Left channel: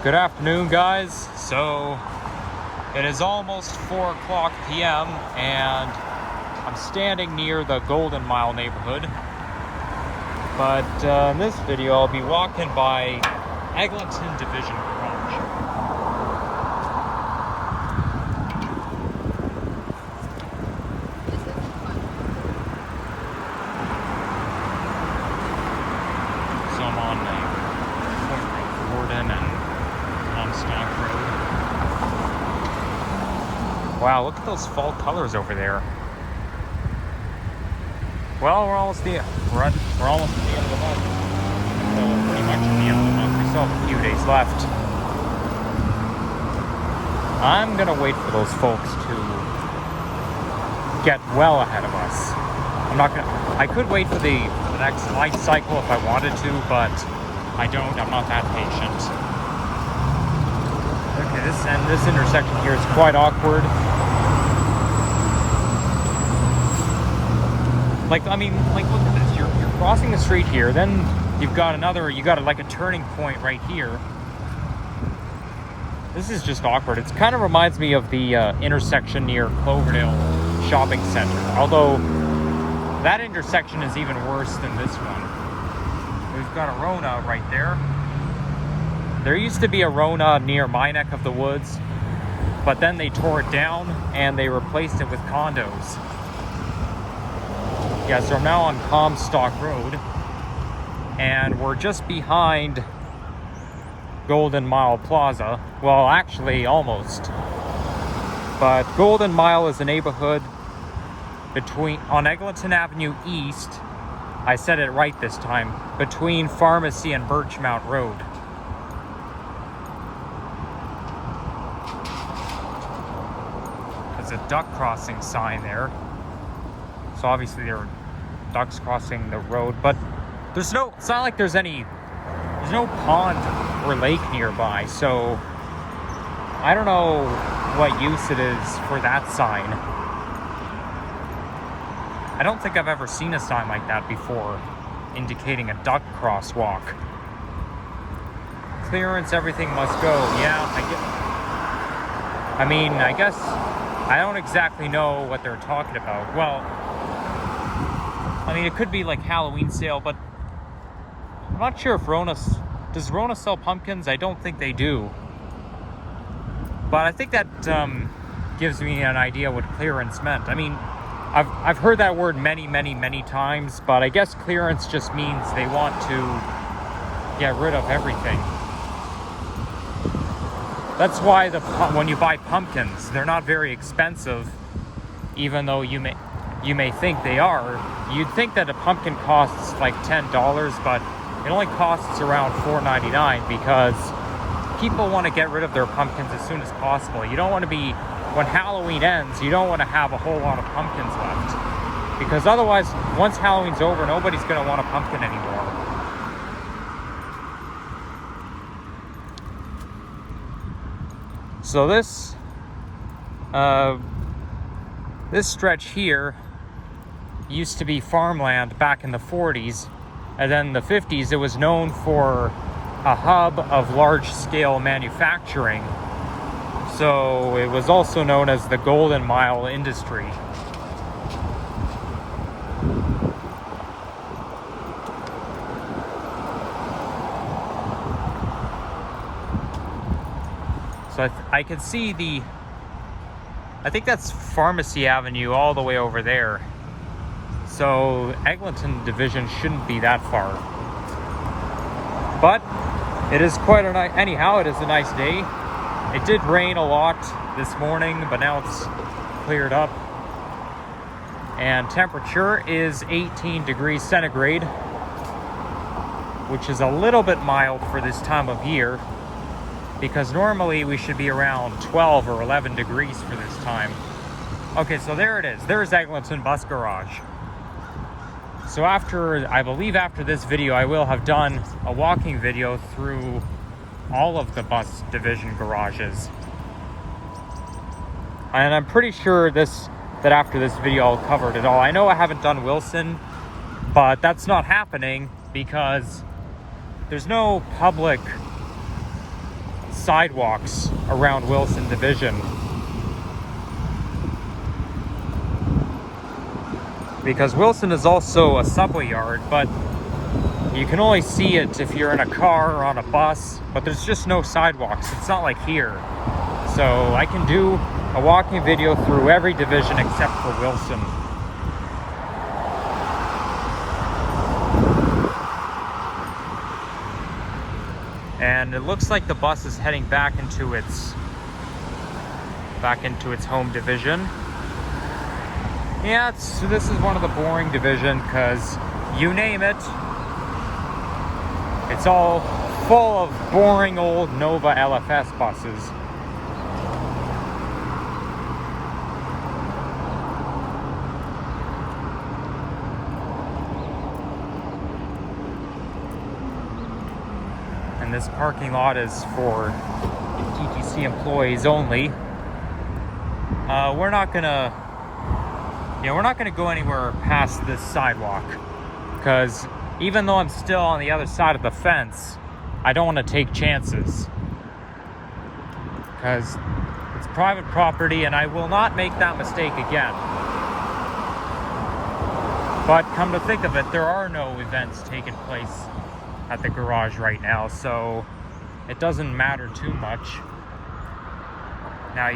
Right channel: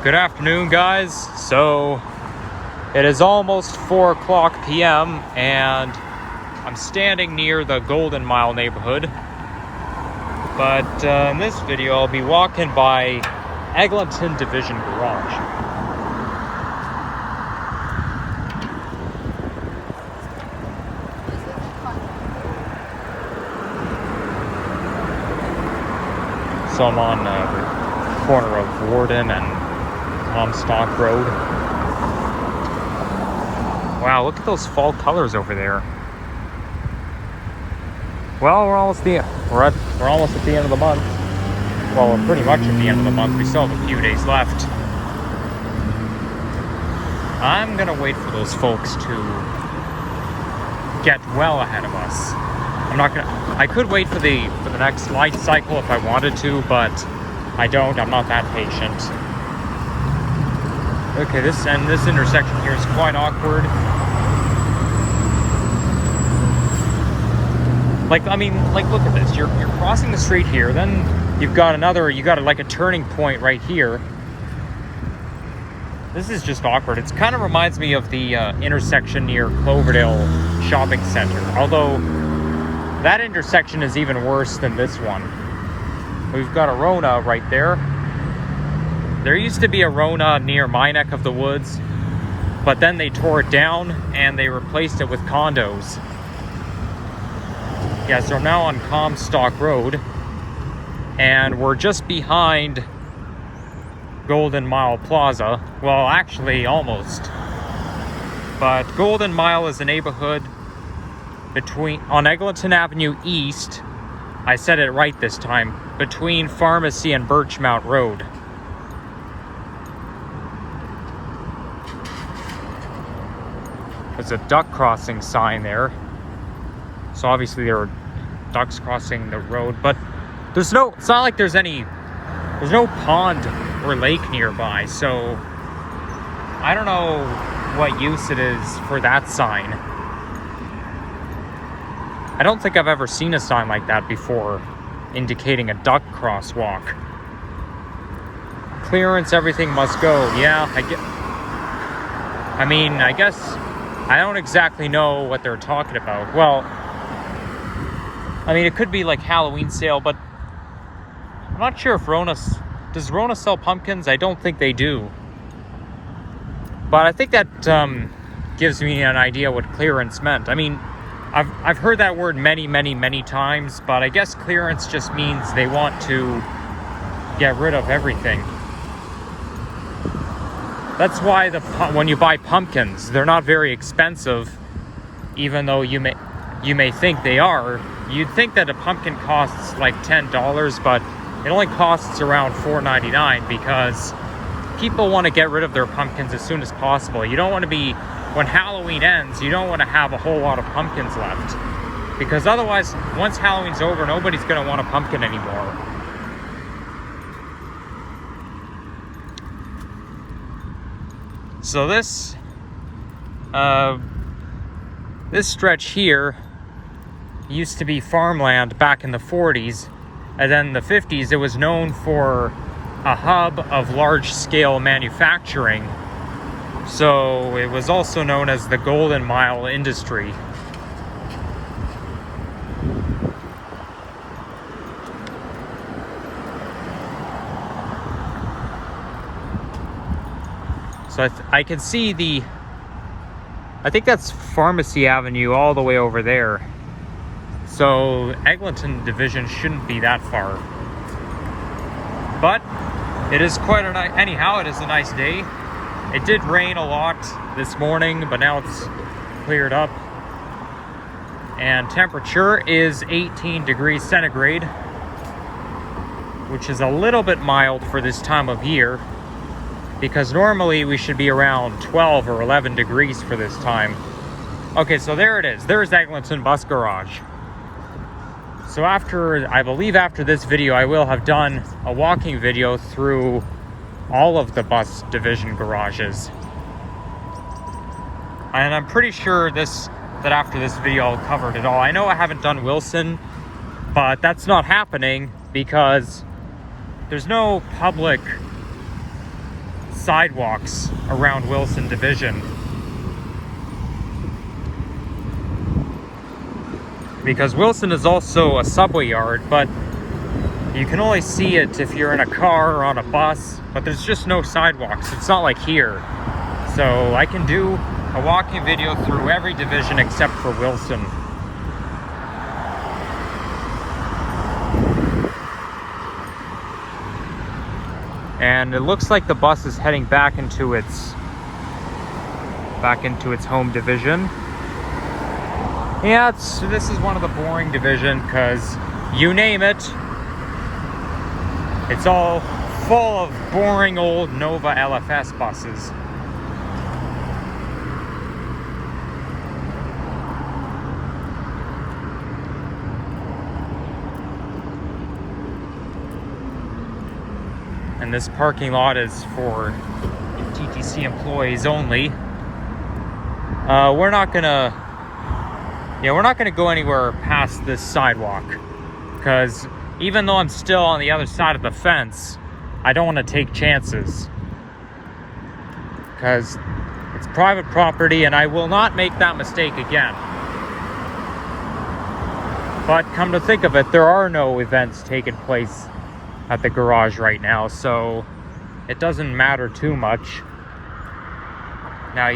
Good afternoon, guys. So it is almost 4 p.m. and I'm standing near the Golden Mile neighborhood. But in this video, I'll be walking by Eglinton Division Garage. So I'm on the corner of Warden and Comstock Road. Wow, look at those fall colors over there. Well, we're almost at the end of the month. Well, we're pretty much at the end of the month. We still have a few days left. I'm gonna wait for those folks to get well ahead of us. I could wait for the next light cycle if I wanted to, but I don't. I'm not that patient. Okay, this intersection here is quite awkward. Like, look at this. You're crossing the street here, then you got like a turning point right here. This is just awkward. It kind of reminds me of the intersection near Cloverdale Shopping Center, although that intersection is even worse than this one. We've got a Rona right there. There used to be a Rona near my neck of the woods, but then they tore it down and they replaced it with condos. Yeah, so I'm now on Comstock Road, and we're just behind Golden Mile Plaza. Well, actually, almost. But Golden Mile is a neighborhood on Eglinton Avenue East. I said it right this time. Between Pharmacy and Birchmount Road. There's a duck crossing sign there. So obviously there are ducks crossing the road, but it's not like there's no pond or lake nearby, so I don't know what use it is for that sign. I don't think I've ever seen a sign like that before, indicating a duck crosswalk. Clearance, everything must go. Yeah, I guess I don't exactly know what they're talking about. Well, it could be like Halloween sale, but I'm not sure if does Rona sell pumpkins? I don't think they do. But I think that gives me an idea what clearance meant. I've heard that word many times, but I guess clearance just means they want to get rid of everything. That's why when you buy pumpkins, they're not very expensive, even though you may think they are. You'd think that a pumpkin costs like $10, but it only costs around $4.99 because people want to get rid of their pumpkins as soon as possible. You don't want to be, when Halloween ends, you don't want to have a whole lot of pumpkins left, because otherwise, once Halloween's over, nobody's going to want a pumpkin anymore. So this stretch here used to be farmland back in the 40s, and then in the 50s it was known for a hub of large-scale manufacturing, so it was also known as the Golden Mile industry. So I can see I think that's Pharmacy Avenue all the way over there. So Eglinton Division shouldn't be that far. But it is quite a nice, anyhow, it is a nice day. It did rain a lot this morning, but now it's cleared up. And temperature is 18 degrees centigrade, which is a little bit mild for this time of year, because normally we should be around 12 or 11 degrees for this time. Okay, so there it is. There's Eglinton Bus Garage. So I believe after this video, I will have done a walking video through all of the bus division garages. And I'm pretty sure that after this video, I'll cover it all. I know I haven't done Wilson, but that's not happening because there's no public sidewalks around Wilson Division. Because Wilson is also a subway yard, but you can only see it if you're in a car or on a bus, but there's just no sidewalks. It's not like here. So I can do a walking video through every division except for Wilson. And it looks like the bus is heading back into its home division. Yeah, this is one of the boring division because you name it, it's all full of boring old Nova LFS buses. And this parking lot is for TTC employees only. We're not gonna go anywhere past this sidewalk, because even though I'm still on the other side of the fence, I don't want to take chances, because it's private property and I will not make that mistake again. But come to think of it, there are no events taking place at the garage right now, so it doesn't matter too much. Now,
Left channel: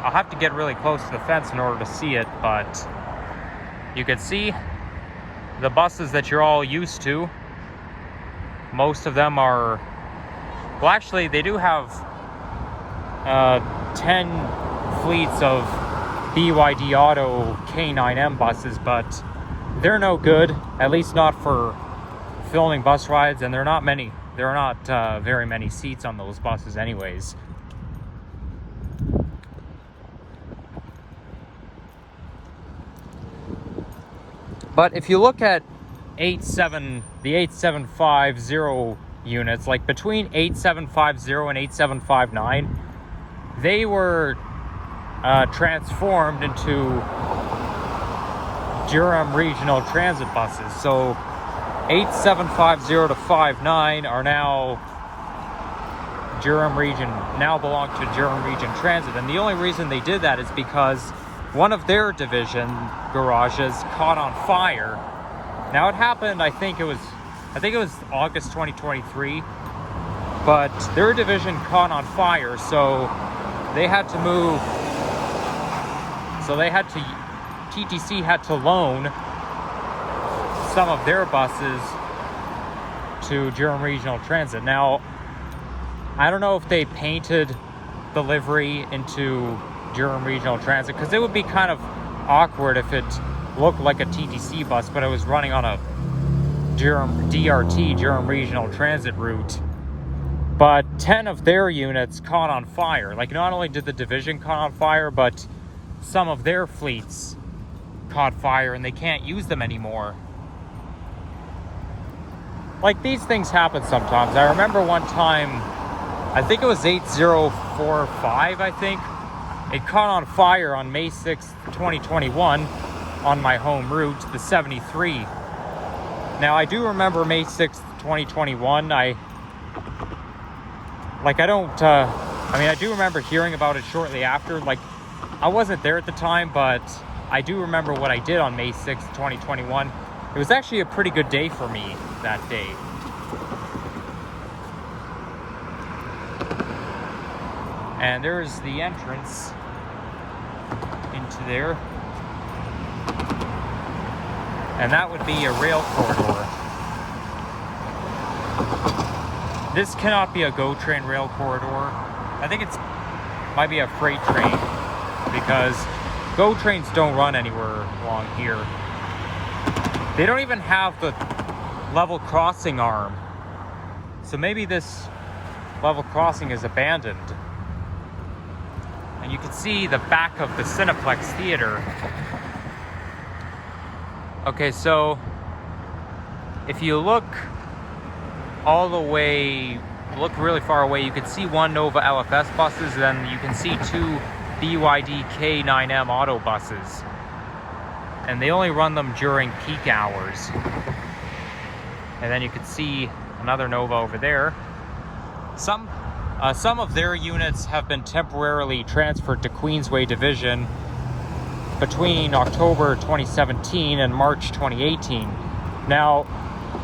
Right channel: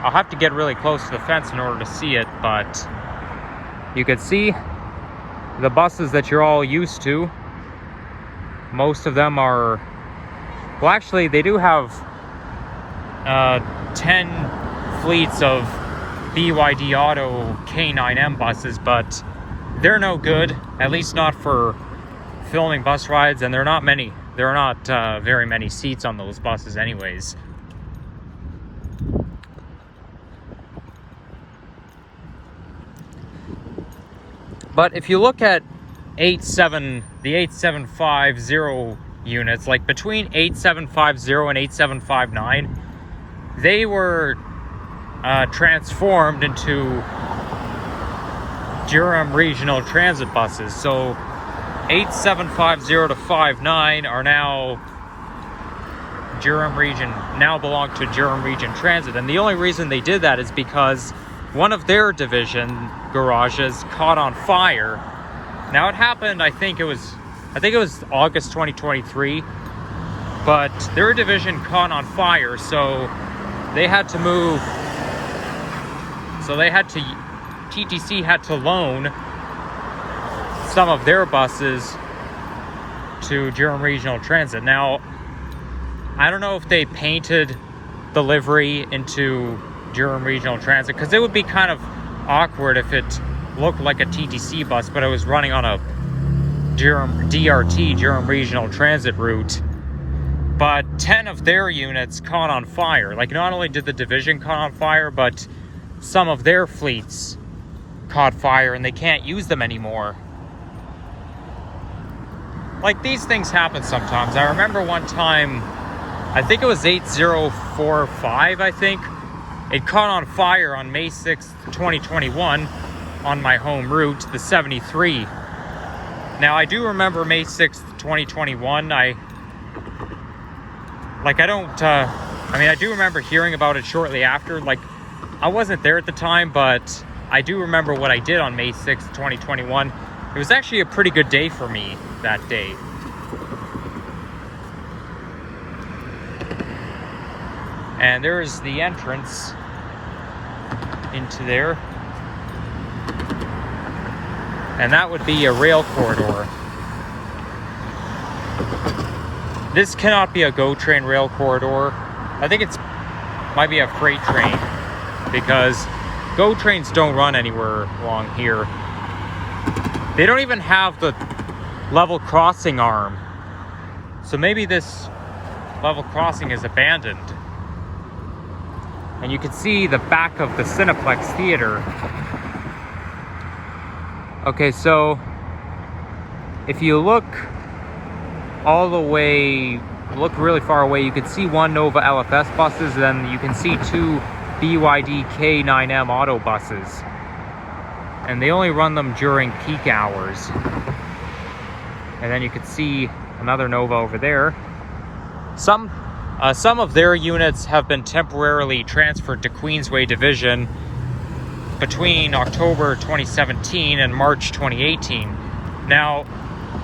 I'll have to get really close to the fence in order to see it, but you can see the buses that you're all used to. Most of them are, well, actually they do have 10 fleets of BYD Auto K9M buses, but they're no good, at least not for filming bus rides, and there are not very many seats on those buses anyways. But if you look at the 8750 units, like between 8750 and 8759, they were transformed into Durham Regional Transit buses. So 8750 to 59 are now belong to Durham Region Transit. And the only reason they did that is because one of their division garages caught on fire. Now it happened, I think it was August 2023, but their division caught on fire, so they had to move. TTC had to loan some of their buses to Durham Regional Transit. Now, I don't know if they painted the livery into Durham Regional Transit, because it would be kind of awkward if it looked like a TTC bus, but it was running on a Durham Regional Transit route. But 10 of their units caught on fire. Like, not only did the division caught on fire, but some of their fleets caught fire and they can't use them anymore. Like, these things happen sometimes. I remember one time, I think it was 8045, I think. It caught on fire on May 6th, 2021 on my home route, the 73. Now, I do remember May 6th, 2021. I do remember hearing about it shortly after. Like, I wasn't there at the time, but I do remember what I did on May 6th, 2021. It was actually a pretty good day for me that day. And there is the entrance into there. And that would be a rail corridor. This cannot be a GO train rail corridor. I think it might be a freight train, because GO trains don't run anywhere along here. They don't even have the level crossing arm. So maybe this level crossing is abandoned. And you can see the back of the Cineplex Theater. Okay, so if you look really far away, you can see one Nova LFS buses, then you can see two BYD K9M auto buses. And they only run them during peak hours. And then you can see another Nova over there. Some of their units have been temporarily transferred to Queensway Division between October 2017 and March 2018. Now,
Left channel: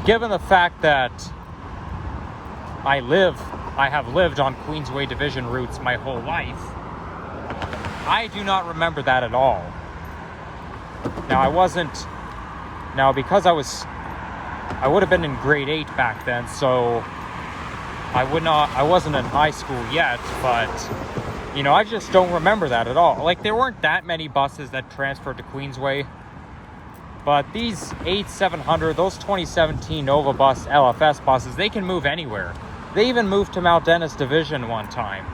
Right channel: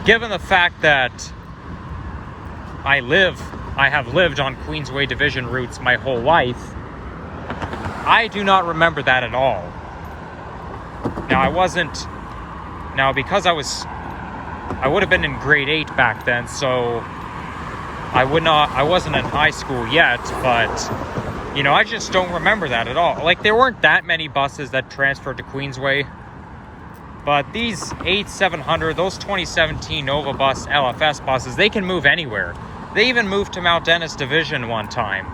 given the fact that I have lived on Queensway Division routes my whole life, I do not remember that at all. Now because I would have been in grade 8 back then, so I wasn't in high school yet, but you know, I just don't remember that at all. Like, there weren't that many buses that transferred to Queensway, but these 8700, those 2017 Nova Bus LFS buses, they can move anywhere. They even moved to Mount Dennis Division one time,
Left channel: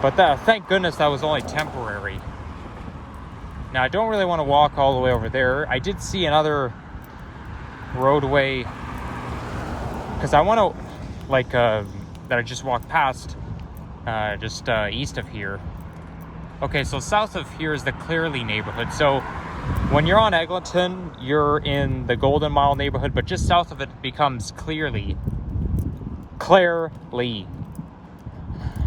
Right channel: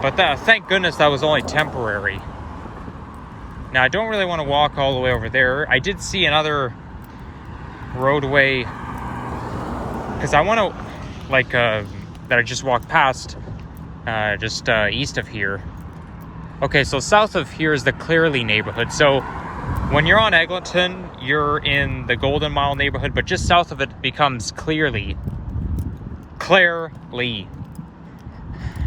but thank goodness that was only temporary. Now, I don't really want to walk all the way over there. I did see another roadway, because I want to, like, that I just walked past, just east of here. Okay, so south of here is the Clairlea neighborhood. So when you're on Eglinton, you're in the Golden Mile neighborhood, but just south of it becomes Clairlea.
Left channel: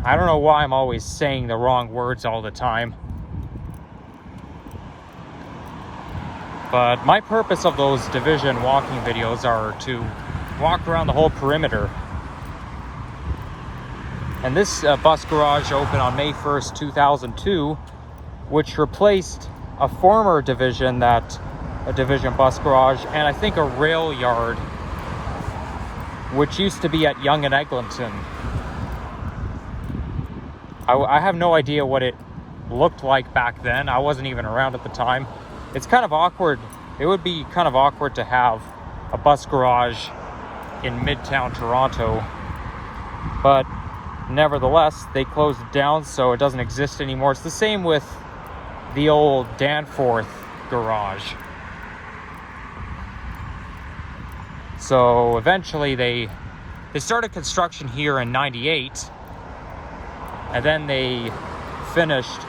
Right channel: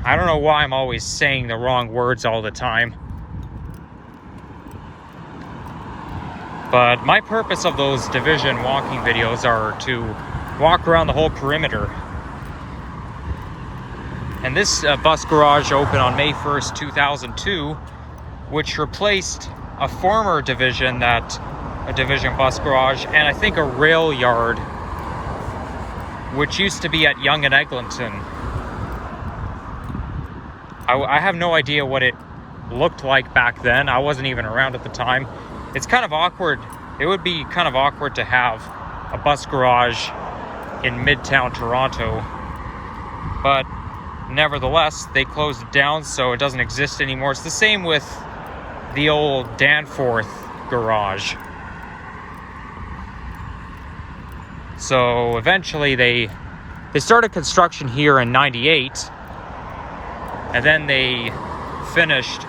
I don't know why I'm always saying the wrong words all the time. But my purpose of those division walking videos are to walk around the whole perimeter. And this bus garage opened on May 1st, 2002, which replaced a former division bus garage, and I think a rail yard, which used to be at Yonge and Eglinton. I have no idea what it looked like back then. I wasn't even around at the time. It's kind of awkward. It would be kind of awkward to have a bus garage in Midtown Toronto, but nevertheless, they closed it down, so it doesn't exist anymore. It's the same with the old Danforth garage. So eventually they started construction here in '98, and then they finished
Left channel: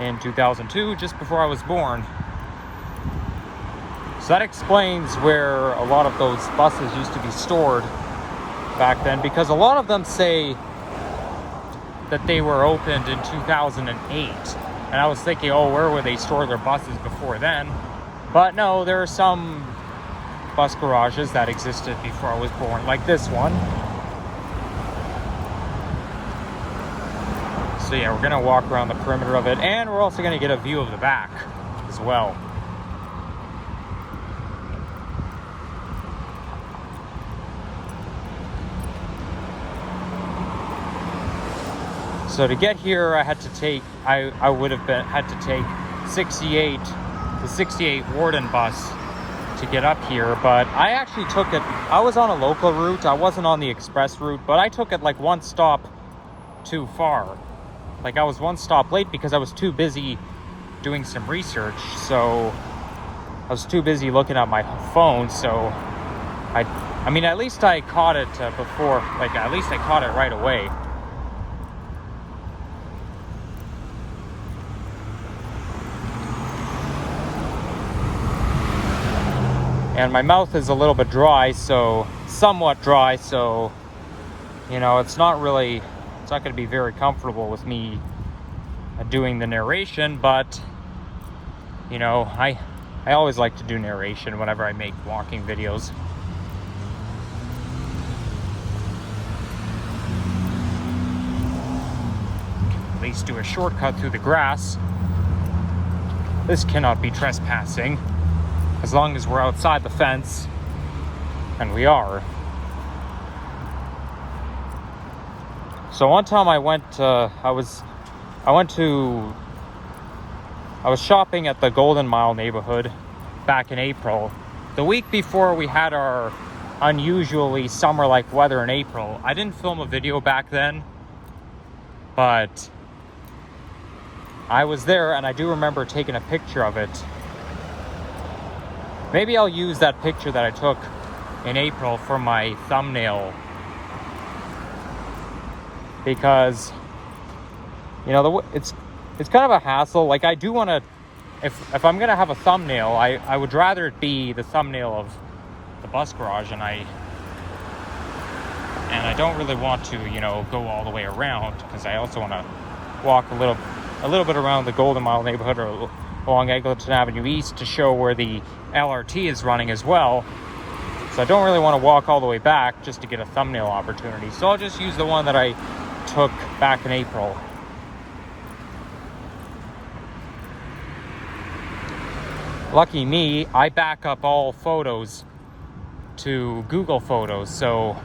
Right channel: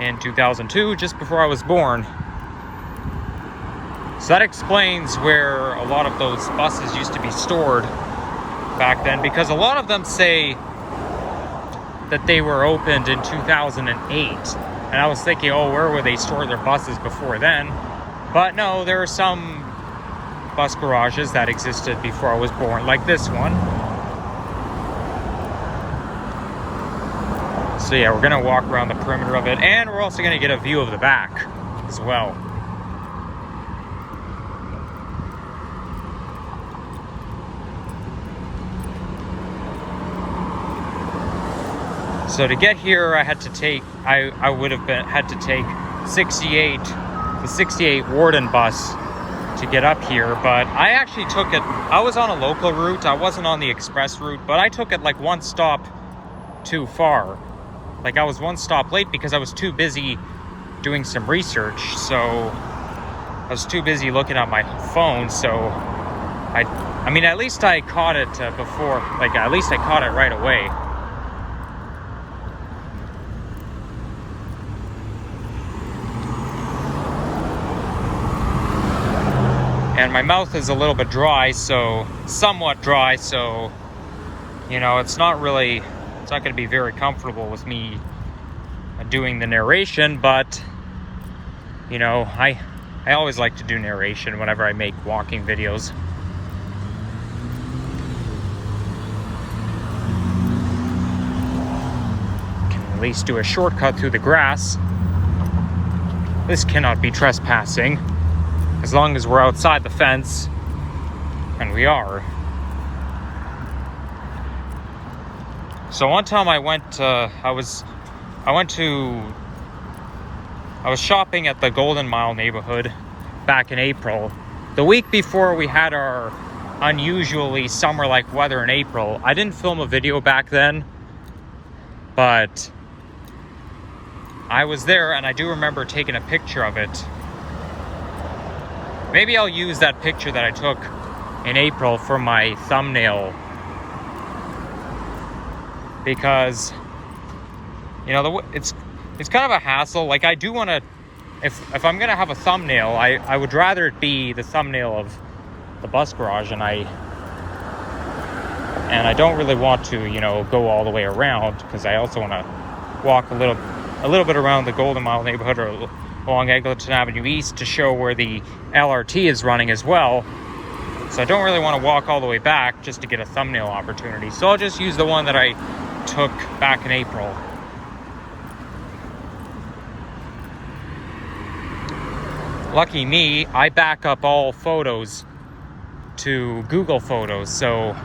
in 2002, just before I was born. So that explains where a lot of those buses used to be stored back then, because a lot of them say that they were opened in 2008. And I was thinking, oh, where would they store their buses before then? But no, there are some bus garages that existed before I was born, like this one. So yeah, we're gonna walk around the perimeter of it, and we're also gonna get a view of the back as well. So to get here, I would have had to take the 68 Warden bus to get up here, but I actually took it. I was on a local route. I wasn't on the express route, but I took it like one stop too far. Like, I was one stop late because I was too busy doing some research. So I was too busy looking at my phone. So I mean, at least I caught it before. Like, at least I caught it right away. And my mouth is a little bit dry, somewhat dry, so, you know, it's not going to be very comfortable with me doing the narration, but, you know, I always like to do narration whenever I make walking videos. Can at least do a shortcut through the grass. This cannot be trespassing, as long as we're outside the fence, and we are. So one time I was shopping at the Golden Mile neighborhood back in April. The week before we had our unusually summer-like weather in April. I didn't film a video back then, but I was there, and I do remember taking a picture of it. Maybe I'll use that picture that I took in April for my thumbnail, because, you know, it's kind of a hassle. Like, I do want to, if I'm gonna have a thumbnail, I would rather it be the thumbnail of the bus garage, and and I don't really want to, you know, go all the way around, because I also want to walk a little bit around the Golden Mile neighborhood or along Eglinton Avenue East to show where the LRT is running as well. So I don't really want to walk all the way back just to get a thumbnail opportunity. So I'll just use the one that I took back in April. Lucky me, I back up all photos to Google Photos, so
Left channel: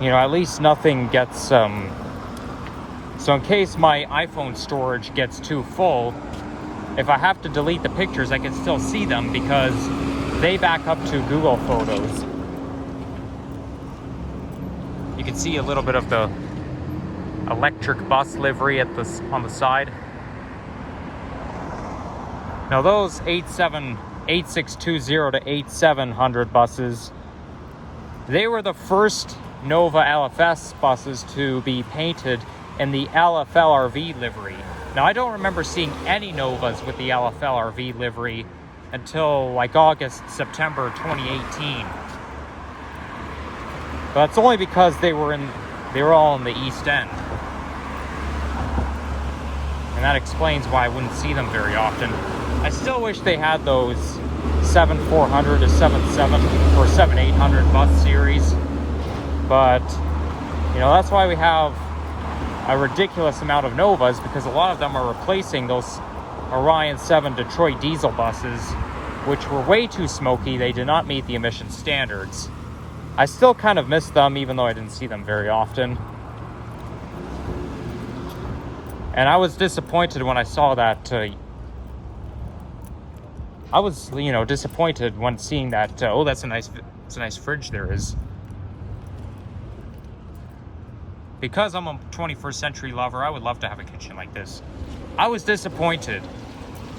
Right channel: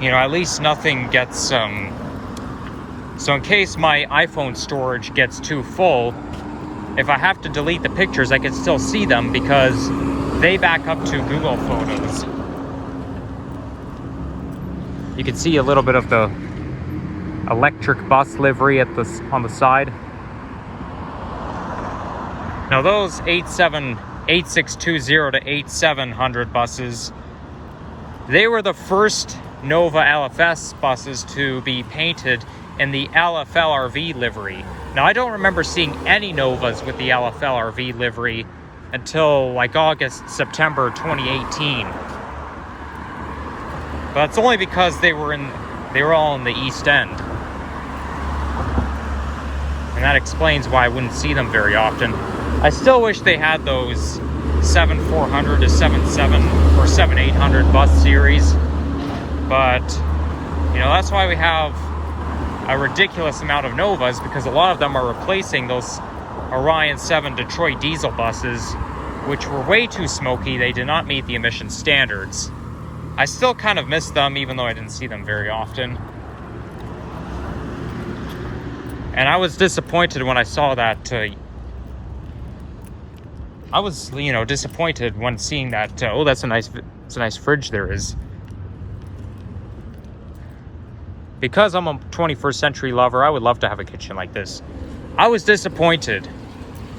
you know, at least nothing gets so in case my iPhone storage gets too full, if I have to delete the pictures, I can still see them because they back up to Google Photos. You can see a little bit of the electric bus livery on the side. Now those 8620 to 8700 buses, they were the first Nova LFS buses to be painted in the LFLRV livery. Now I don't remember seeing any Novas with the LFLRV livery until like August, September 2018. But that's only because they were all in the East End. And that explains why I wouldn't see them very often. I still wish they had those 7400 to 77 or 7800 bus series. But, you know, that's why we have a ridiculous amount of Novas, because a lot of them are replacing those Orion 7 Detroit diesel buses, which were way too smoky. They did not meet the emission standards. I still kind of miss them, even though I didn't see them very often. And I was disappointed when I saw that. I was, you know, disappointed when seeing that. Oh, it's a nice fridge there is. Because I'm a 21st century lover, I would love to have a kitchen like this. I was disappointed,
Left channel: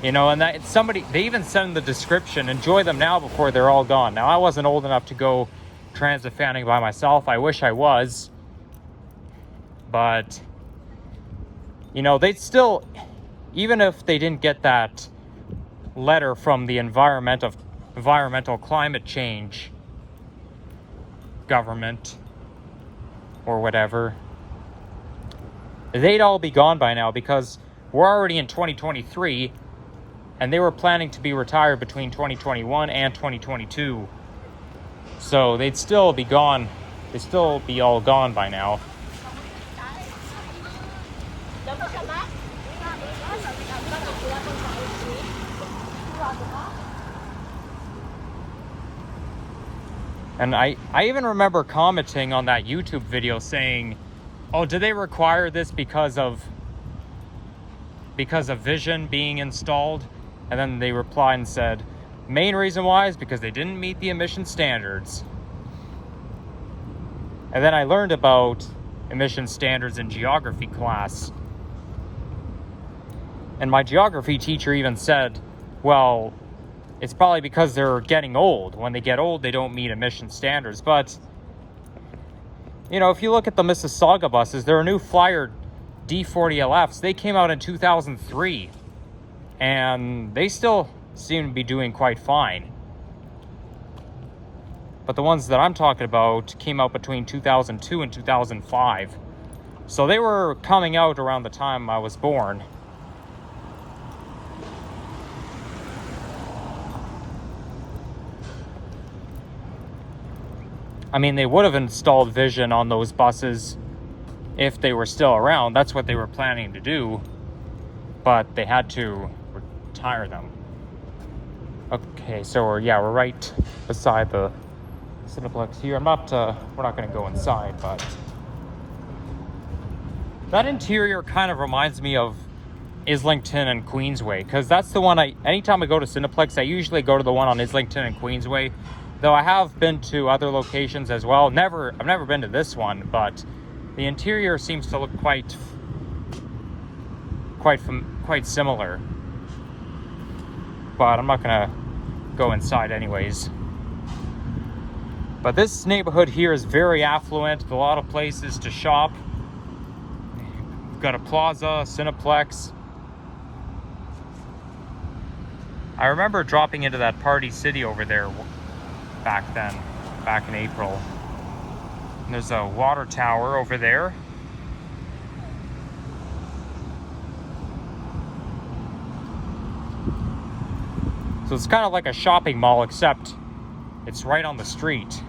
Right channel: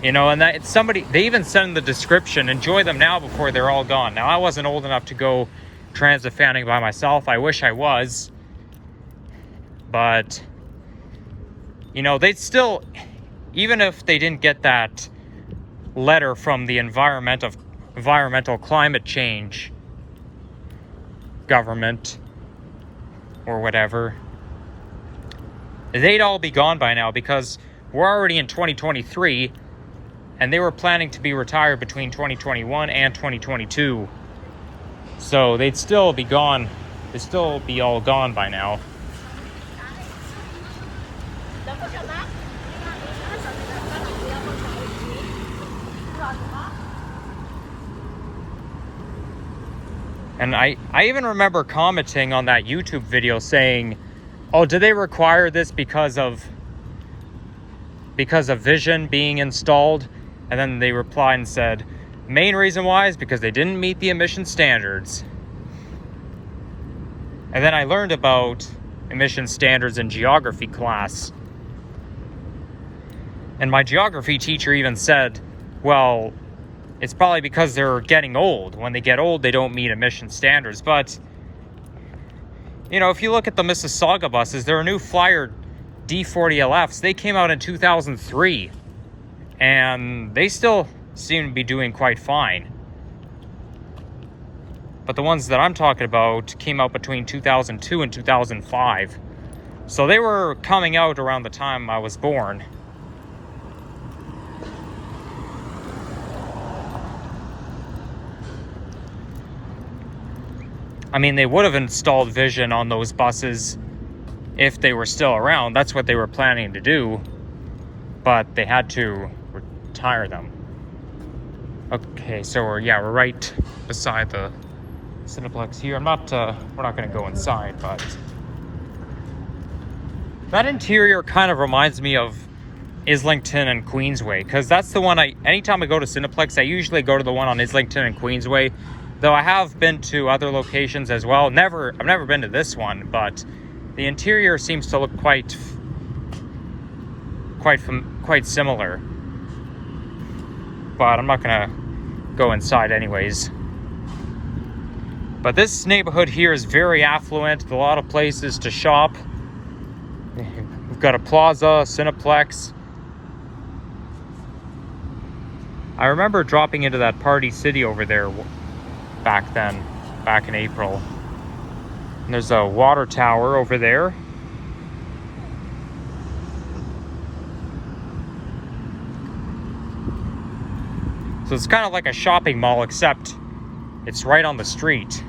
you know, and that they even said in the description, enjoy them now before they're all gone. Now, I wasn't old enough to go transit fanning by myself. I wish I was. But, you know, they'd still, even if they didn't get that letter from the environmental climate change government or whatever, they'd all be gone by now, because we're already in 2023 and they were planning to be retired between 2021 and 2022. So they'd still be gone. They'd still be all gone by now. And I even remember commenting on that YouTube video saying, oh, do they require this because of vision being installed? And then they replied and said, main reason why is because they didn't meet the emission standards. And then I learned about emission standards in geography class. And my geography teacher even said, well, it's probably because they're getting old. When they get old, they don't meet emission standards. But, you know, if you look at the Mississauga buses, there are new Flyer D40LFs. They came out in 2003. And they still seem to be doing quite fine. But the ones that I'm talking about came out between 2002 and 2005. So they were coming out around the time I was born. I mean, they would have installed vision on those buses if they were still around. That's what they were planning to do. But they had to retire them. Okay, so we're right beside the Cineplex here. we're not going to go inside, but that interior kind of reminds me of Islington and Queensway, because that's the one anytime I go to Cineplex, I usually go to the one on Islington and Queensway. Though I have been to other locations as well. I've never been to this one, but the interior seems to look quite similar. But I'm not gonna go inside anyways. But this neighborhood here is very affluent, with a lot of places to shop. We've got a plaza, Cineplex. I remember dropping into that Party City over there back in April. And there's a water tower over there. So it's kind of like a shopping mall, except it's right on the street.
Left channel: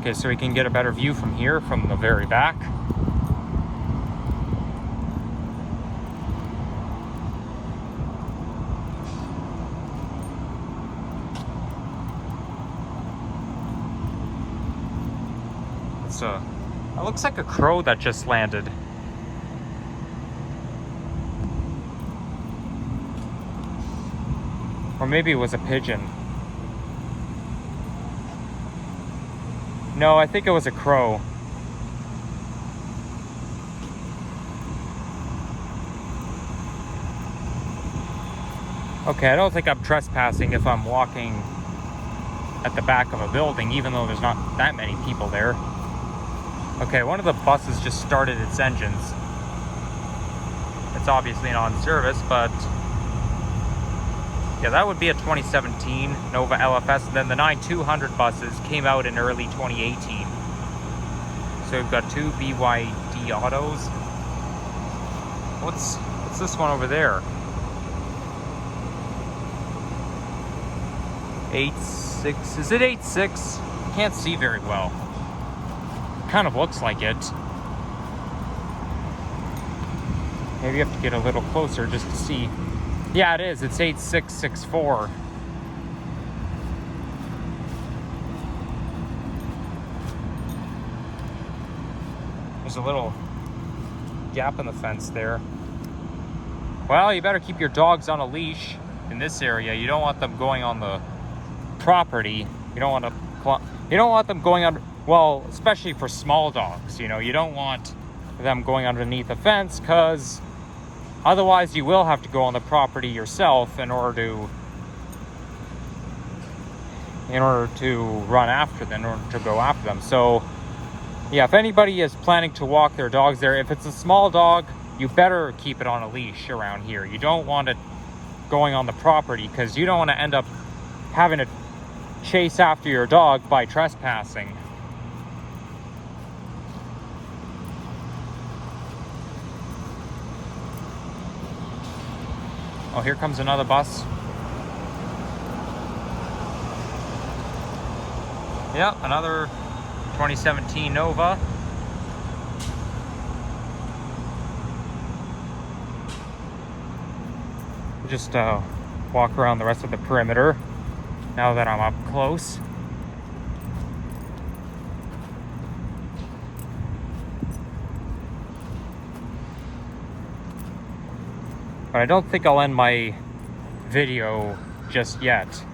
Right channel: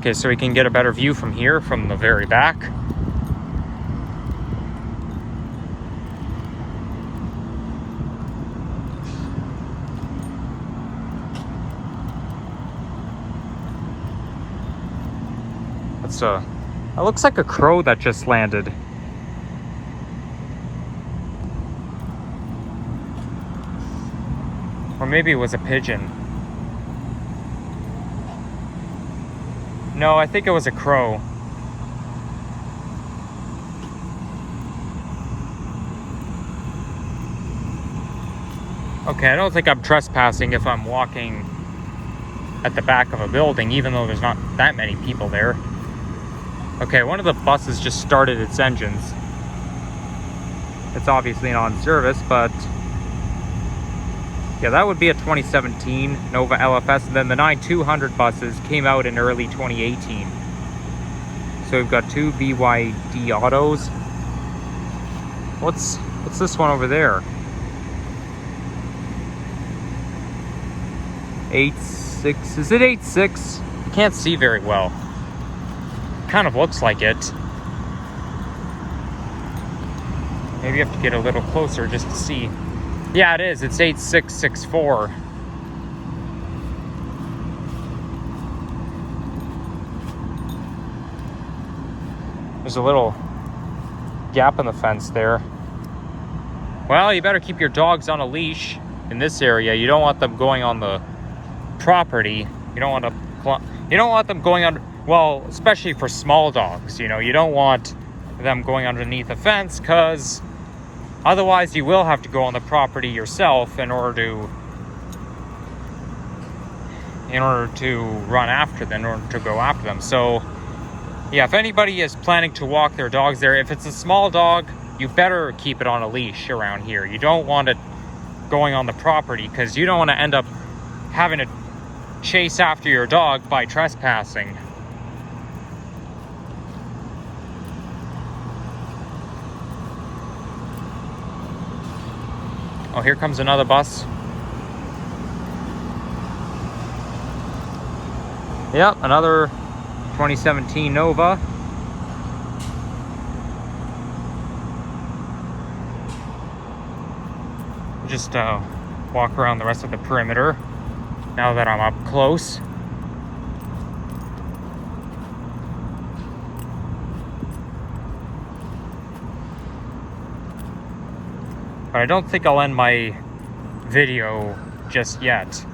Okay, so we can get a better view from here, from the very back. It looks like a crow that just landed. Or maybe it was a pigeon. No, I think it was a crow. Okay, I don't think I'm trespassing if I'm walking at the back of a building, even though there's not that many people there. Okay, one of the buses just started its engines. It's obviously not in service, but yeah, that would be a 2017 Nova LFS. And then the 9200 buses came out in early 2018. So we've got two BYD autos. What's this one over there? 8.6, is it 8.6? I can't see very well. Kind of looks like it. Maybe you have to get a little closer just to see. Yeah, it is. It's 8664. There's a little gap in the fence there. Well, you better keep your dogs on a leash in this area. You don't want them going on the property. You don't want them going on. Well, especially for small dogs, you know, you don't want them going underneath a fence, because otherwise you will have to go on the property yourself in order to run after them, in order to go after them. So yeah, if anybody is planning to walk their dogs there, if it's a small dog, you better keep it on a leash around here. You don't want it going on the property, because you don't want to end up having to chase after your dog by trespassing. Oh, here comes another bus. Yep, another 2017 Nova. Just walk around the rest of the perimeter now that I'm up close. But I don't think I'll end my video just yet.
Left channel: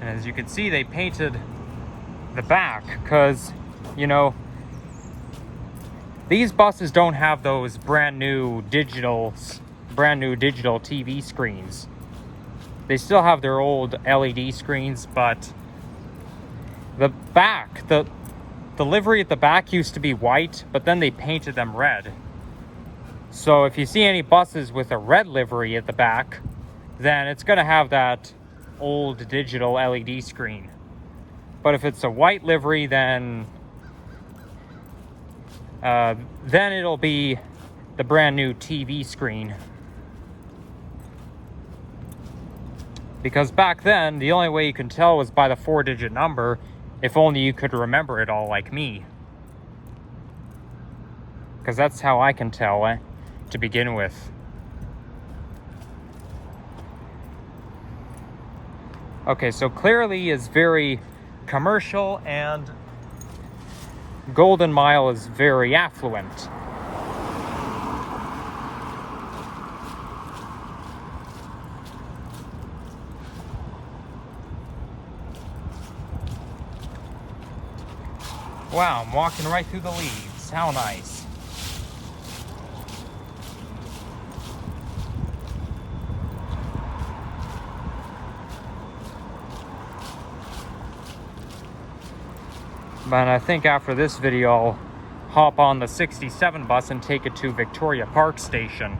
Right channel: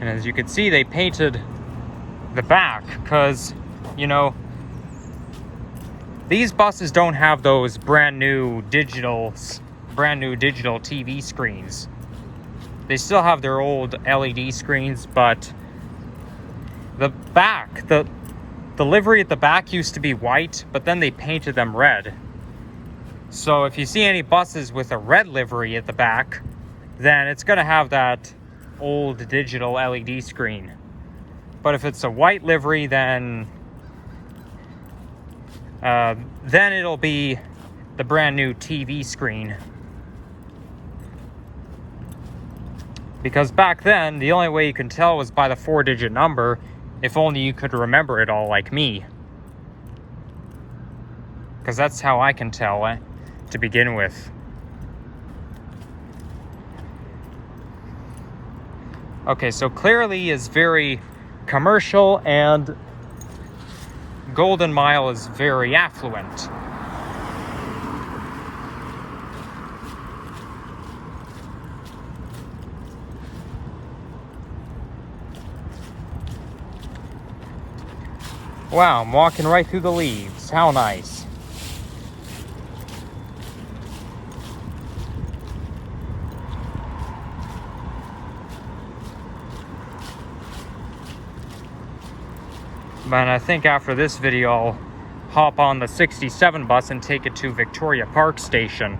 And as you can see, they painted the back because, you know, these buses don't have those brand new digital TV screens. They still have their old LED screens, but the back, the livery at the back used to be white, but then they painted them red. So if you see any buses with a red livery at the back, then it's going to have that old digital LED screen. But if it's a white livery, then it'll be the brand new TV screen. Because back then, the only way you can tell was by the 4-digit number, if only you could remember it all like me. Because that's how I can tell to begin with. Okay, so Clairlea is very commercial and Golden Mile is very affluent. Wow, I'm walking right through the leaves. How nice. But I think after this video, I'll hop on the 67 bus and take it to Victoria Park Station.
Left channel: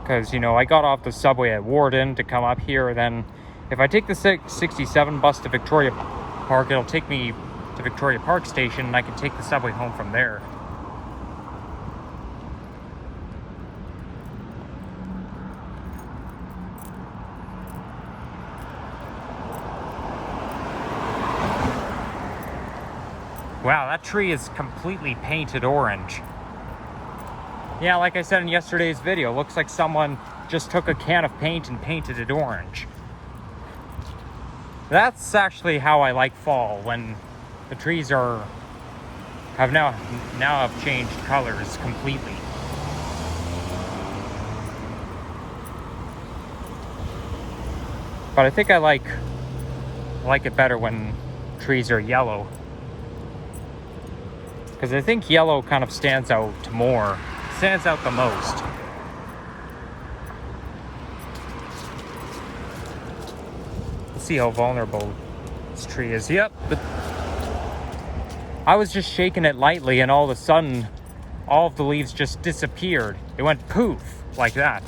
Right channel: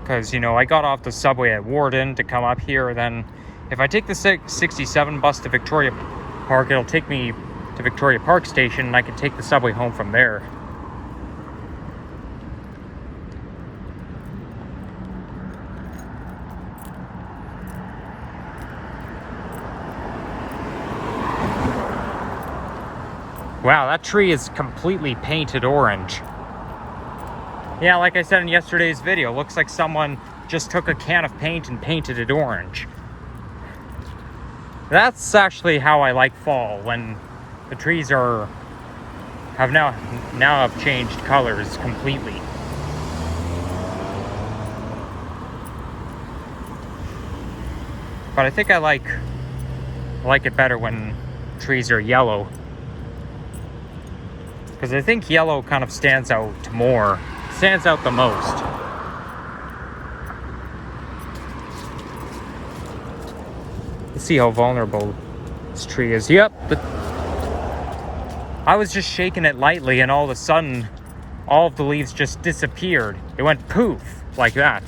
Because, you know, I got off the subway at Warden to come up here. Then if I take the 67 bus to Victoria Park, it'll take me to Victoria Park Station, and I can take the subway home from there. Wow, that tree is completely painted orange. Yeah, like I said in yesterday's video, looks like someone just took a can of paint and painted it orange. That's actually how I like fall, when the trees have now changed colors completely. But I think I like it better when trees are yellow, because I think yellow kind of stands out the most. Let's see how vulnerable this tree is. Yep, but I was just shaking it lightly, and all of a sudden, all of the leaves just disappeared. It went poof, like that.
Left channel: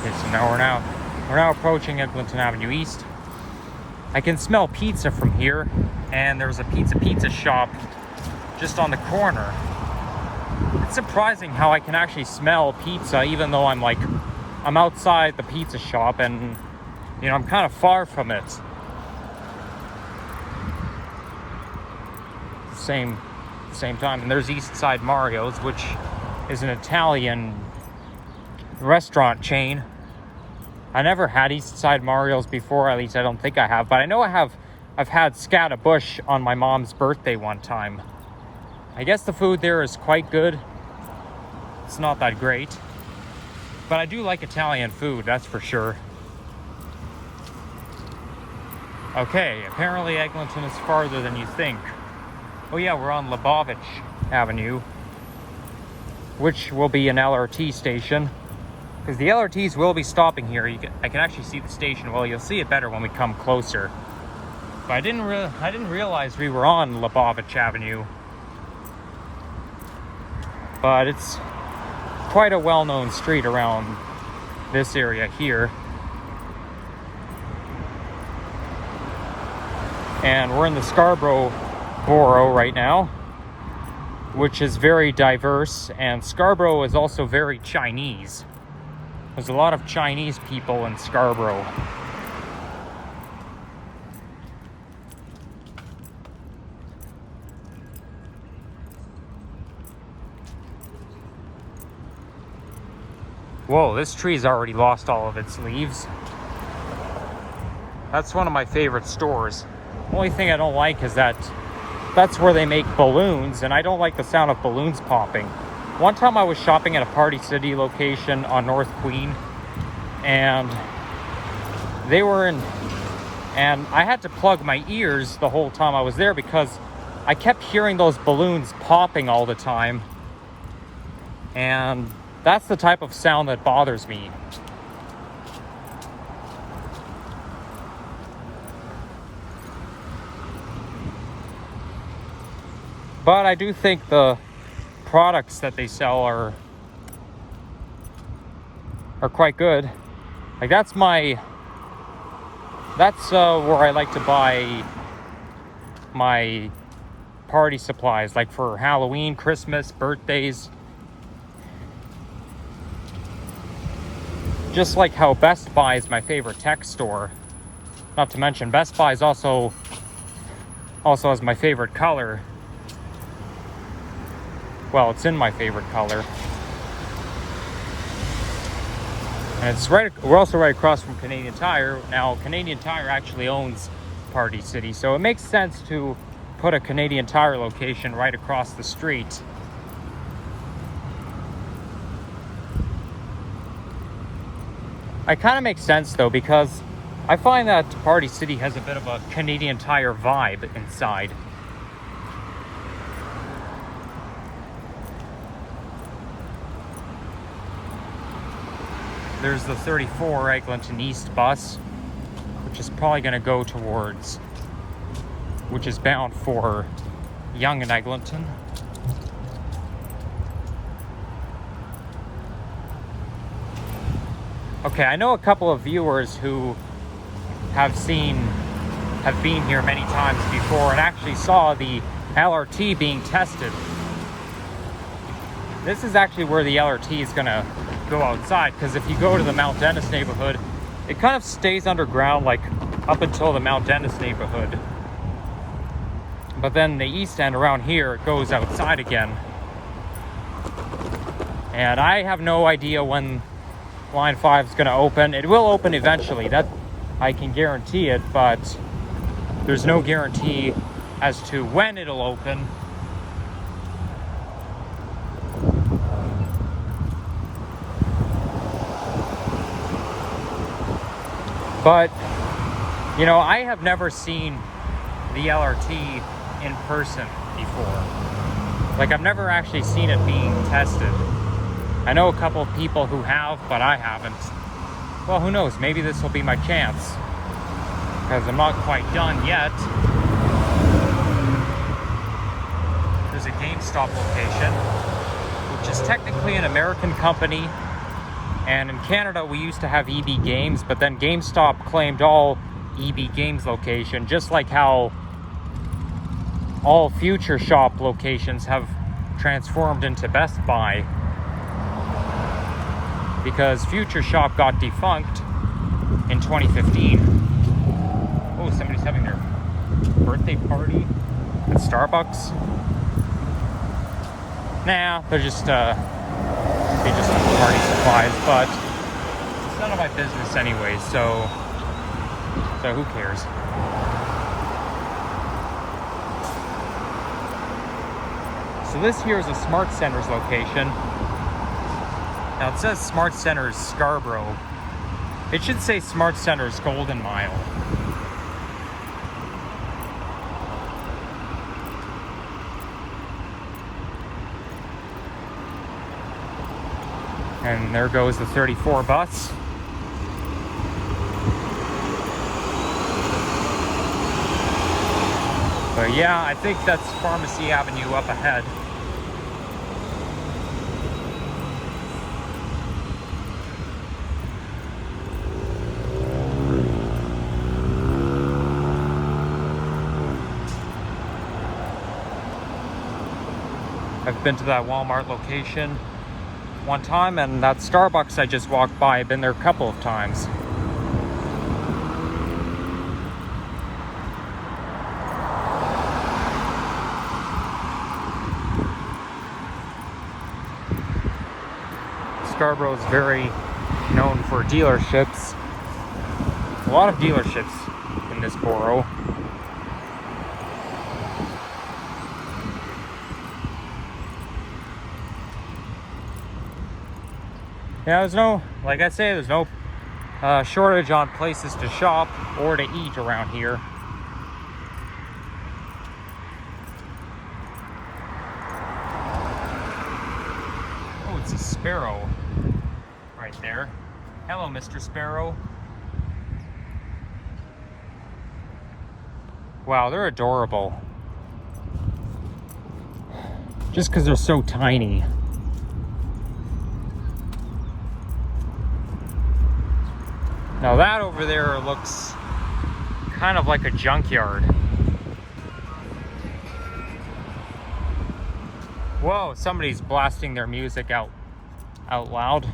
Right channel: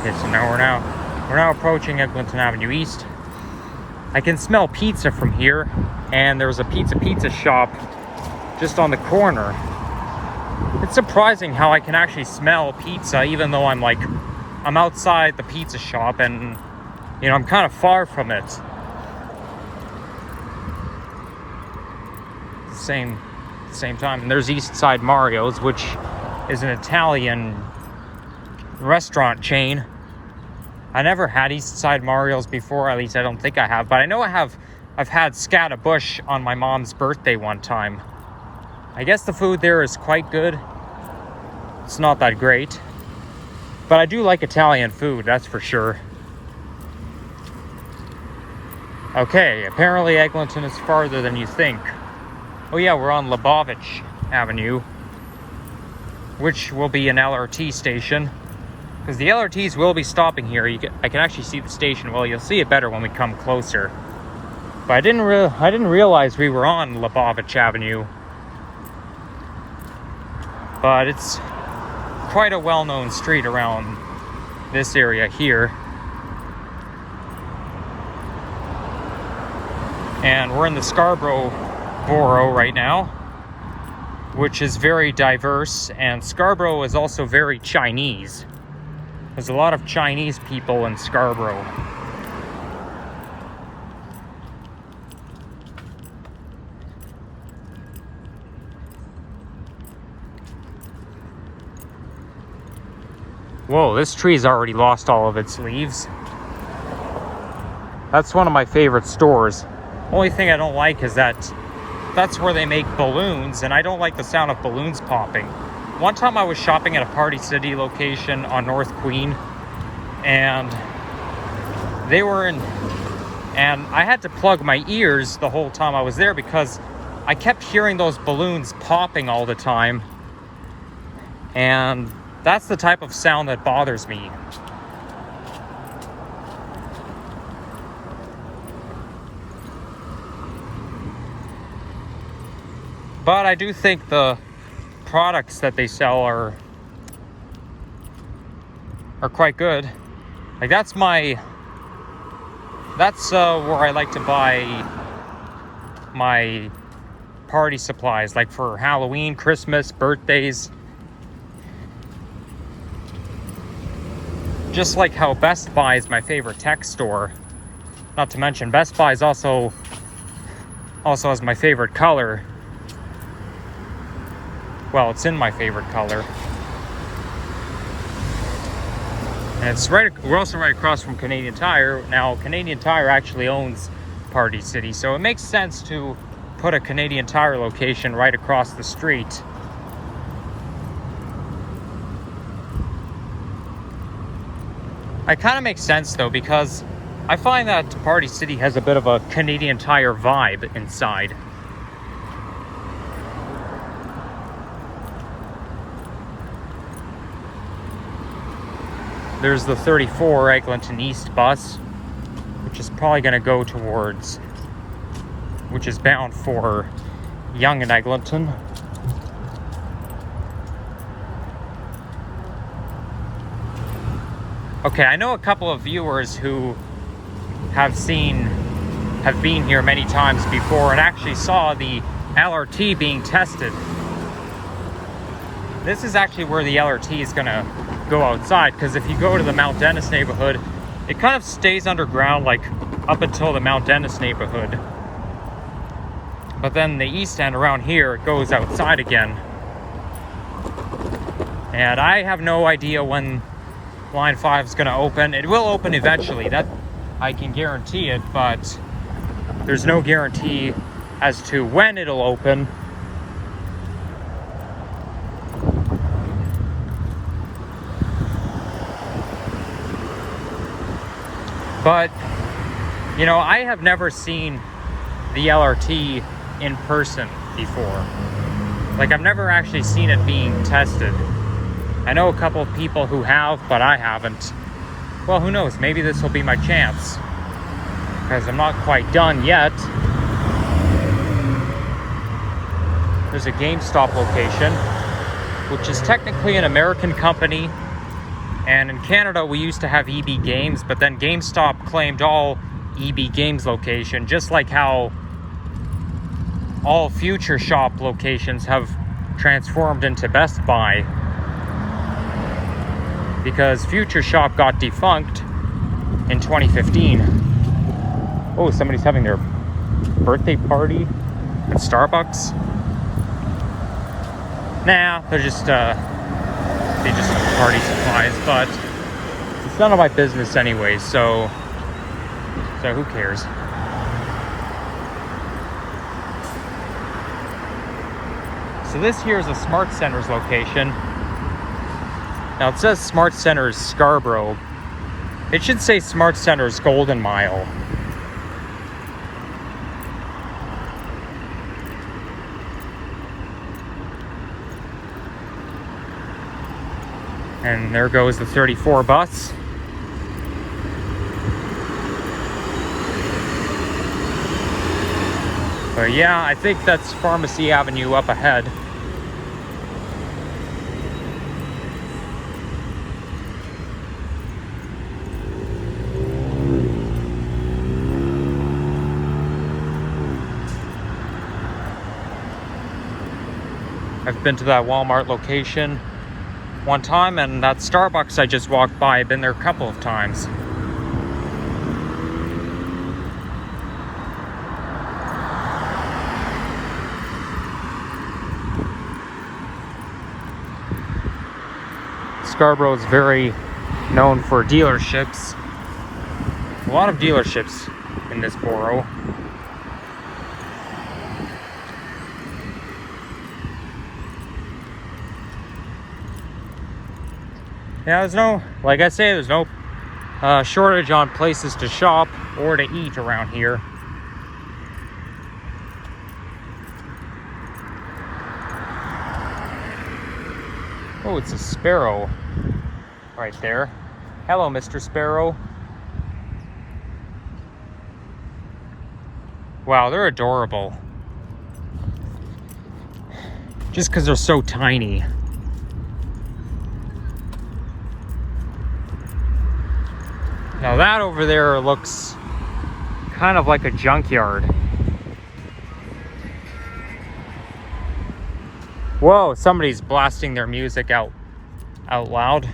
Okay, so now we're now approaching Eglinton Avenue East. I can smell pizza from here, and there's a pizza shop just on the corner. It's surprising how I can actually smell pizza even though I'm outside the pizza shop, and you know, I'm kind of far from it. Same time. And there's East Side Mario's, which is an Italian restaurant chain. I never had East Side Mario's before, at least I don't think I have, but I know I've had Scarborough on my mom's birthday one time. I guess the food there is quite good. It's not that great, but I do like Italian food, that's for sure. Okay, apparently Eglinton is farther than you think. Oh yeah, we're on Lebovic Avenue, which will be an LRT station, because the LRTs will be stopping here. I can actually see the station. Well, you'll see it better when we come closer. But I didn't realize we were on Lebovic Avenue. But it's quite a well-known street around this area here. And we're in the Scarborough borough right now, which is very diverse, and Scarborough is also very Chinese. There's a lot of Chinese people in Scarborough. Whoa, this tree's already lost all of its leaves. That's one of my favorite stores. Only thing I don't like is that's where they make balloons, and I don't like the sound of balloons popping. One time I was shopping at a Party City location on North Queen, and and I had to plug my ears the whole time I was there because I kept hearing those balloons popping all the time, and that's the type of sound that bothers me. But I do think the products that they sell are quite good. Like that's where I like to buy my party supplies, like for Halloween, Christmas, birthdays. Just like how Best Buy is my favorite tech store. Not to mention Best Buy is also has my favorite color. Well, it's in my favorite color. And we're also right across from Canadian Tire. Now, Canadian Tire actually owns Party City, so it makes sense to put a Canadian Tire location right across the street. It kind of makes sense though, because I find that Party City has a bit of a Canadian Tire vibe inside. There's the 34 Eglinton East bus, which is probably going to go towards, which is bound for Yonge and Eglinton. Okay, I know a couple of viewers who have been here many times before and actually saw the LRT being tested. This is actually where the LRT is gonna go outside, because if you go to the Mount Dennis neighborhood, it kind of stays underground like up until the Mount Dennis neighborhood. But then the east end around here, it goes outside again. And I have no idea when Line 5 is gonna open. It will open eventually, that I can guarantee it, but there's no guarantee as to when it'll open. But, you know, I have never seen the LRT in person before. Like, I've never actually seen it being tested. I know a couple of people who have, but I haven't. Well, who knows? Maybe this will be my chance, because I'm not quite done yet. There's a GameStop location, which is technically an American company. And in Canada, we used to have EB Games, but then GameStop claimed all EB Games location, just like how all Future Shop locations have transformed into Best Buy. Because Future Shop got defunct in 2015. Oh, somebody's having their birthday party at Starbucks. Nah, they're just they just have party supplies, but it's none of my business anyway, so who cares? So this here is a Smart Centers location. Now it says Smart Centers Scarborough. It should say Smart Centers Golden Mile. And there goes the 34 bus. But yeah, I think that's Pharmacy Avenue up ahead. I've been to that Walmart location one time, and that Starbucks I just walked by, I've been there a couple of times. Scarborough is very known for dealerships. A lot of dealerships in this borough. Yeah, there's no, like I say, there's no shortage on places to shop or to eat around here. Oh, it's a sparrow right there. Hello, Mr. Sparrow. Wow, they're adorable. Just because they're so tiny. Now that over there looks kind of like a junkyard. Whoa, somebody's blasting their music out loud.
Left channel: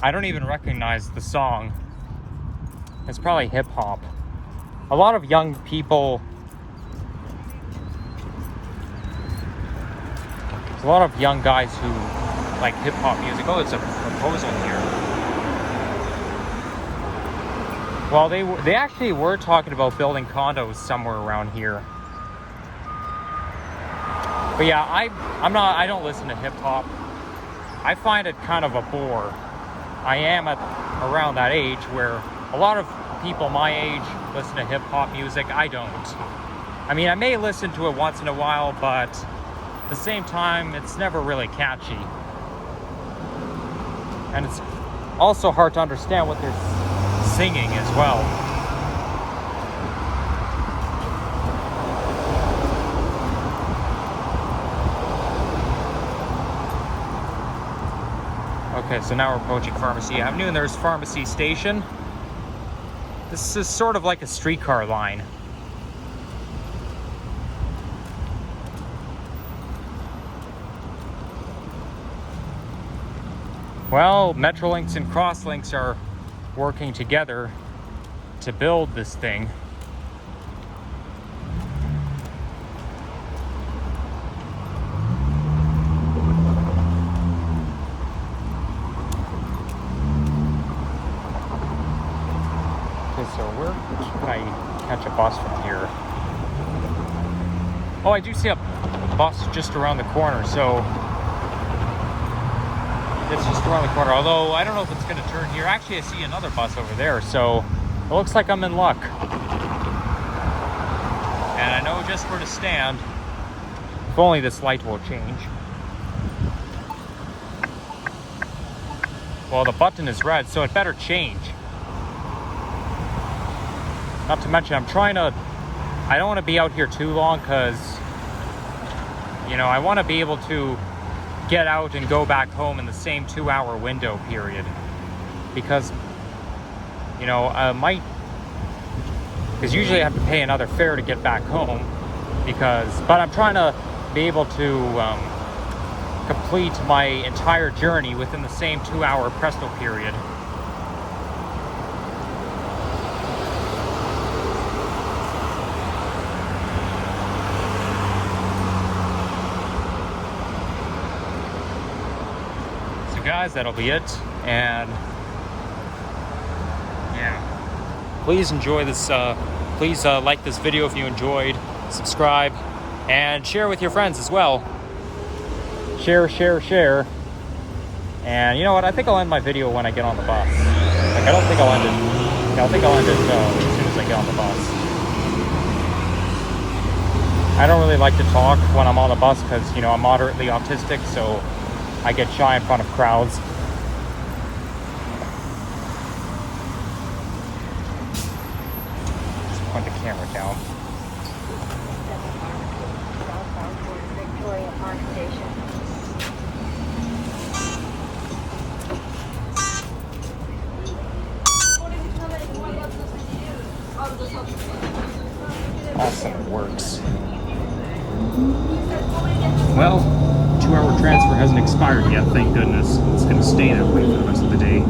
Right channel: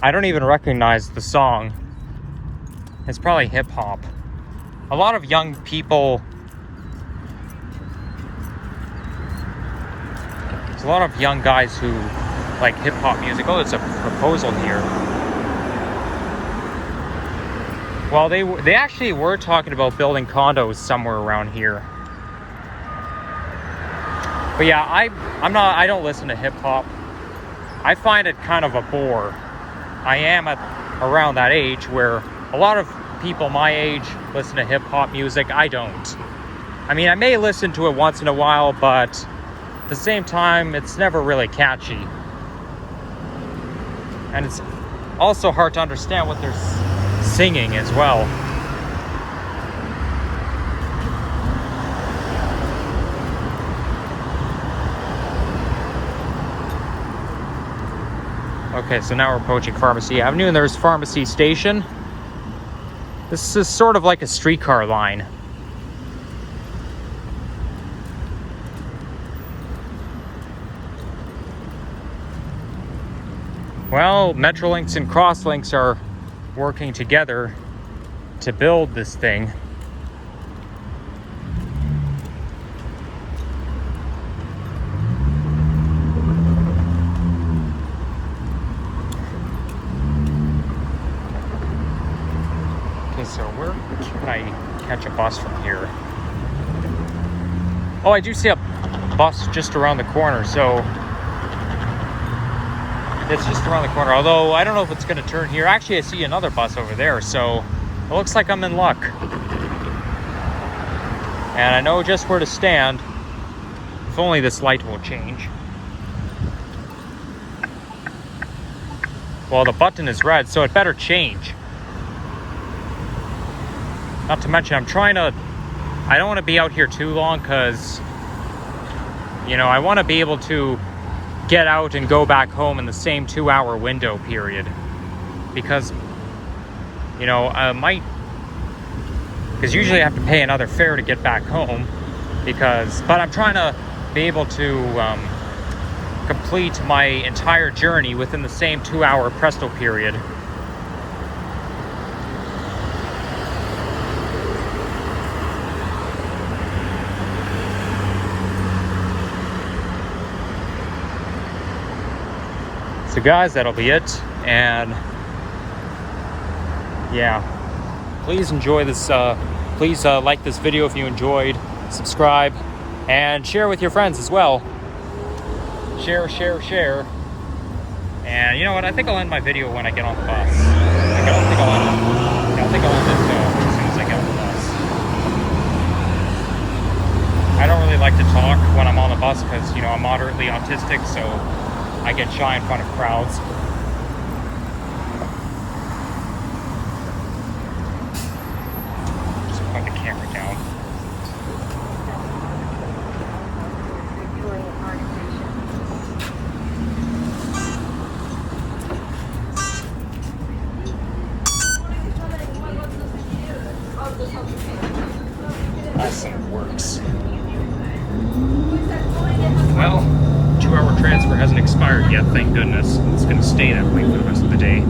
I don't even recognize the song. It's probably hip hop. A lot of young people, there's a lot of young guys who like hip hop music. Oh, there's a proposal here. Well, they actually were talking about building condos somewhere around here. But yeah, I don't listen to hip hop. I find it kind of a bore. I am at around that age where a lot of people my age listen to hip-hop music. I don't. I mean, I may listen to it once in a while, but at the same time, it's never really catchy. And it's also hard to understand what they're singing as well. Okay, so now we're approaching Pharmacy Avenue, and there's Pharmacy Station. This is sort of like a streetcar line. Well, Metrolinx and Crosslinx are working together to build this thing. Okay, so where can I catch a bus from here? Oh, I do see a bus just around the corner, so it's just around the corner, although I don't know if it's going to turn here. Actually, I see another bus over there, so it looks like I'm in luck. And I know just where to stand. If only this light will change. Well, the button is red, so it better change. Not to mention, I don't want to be out here too long because, you know, I want to be able to get out and go back home in the same 2-hour window period. Because, you know, because usually I have to pay another fare to get back home. But I'm trying to be able to complete my entire journey within the same 2-hour presto period. So guys, that'll be it, and yeah, please enjoy this, please like this video if you enjoyed, subscribe, and share with your friends as well. Share. And you know what, I think I'll end my video when I get on the bus. Like, I don't think I'll end it when I get on the bus. I don't really like to talk when I'm on the bus because, you know, I'm moderately autistic, so I get shy in front of crowds. Just put the camera down. This thing works. Well, 2-hour transfer hasn't expired yet, thank goodness. It's going to stay that way for the rest of the day.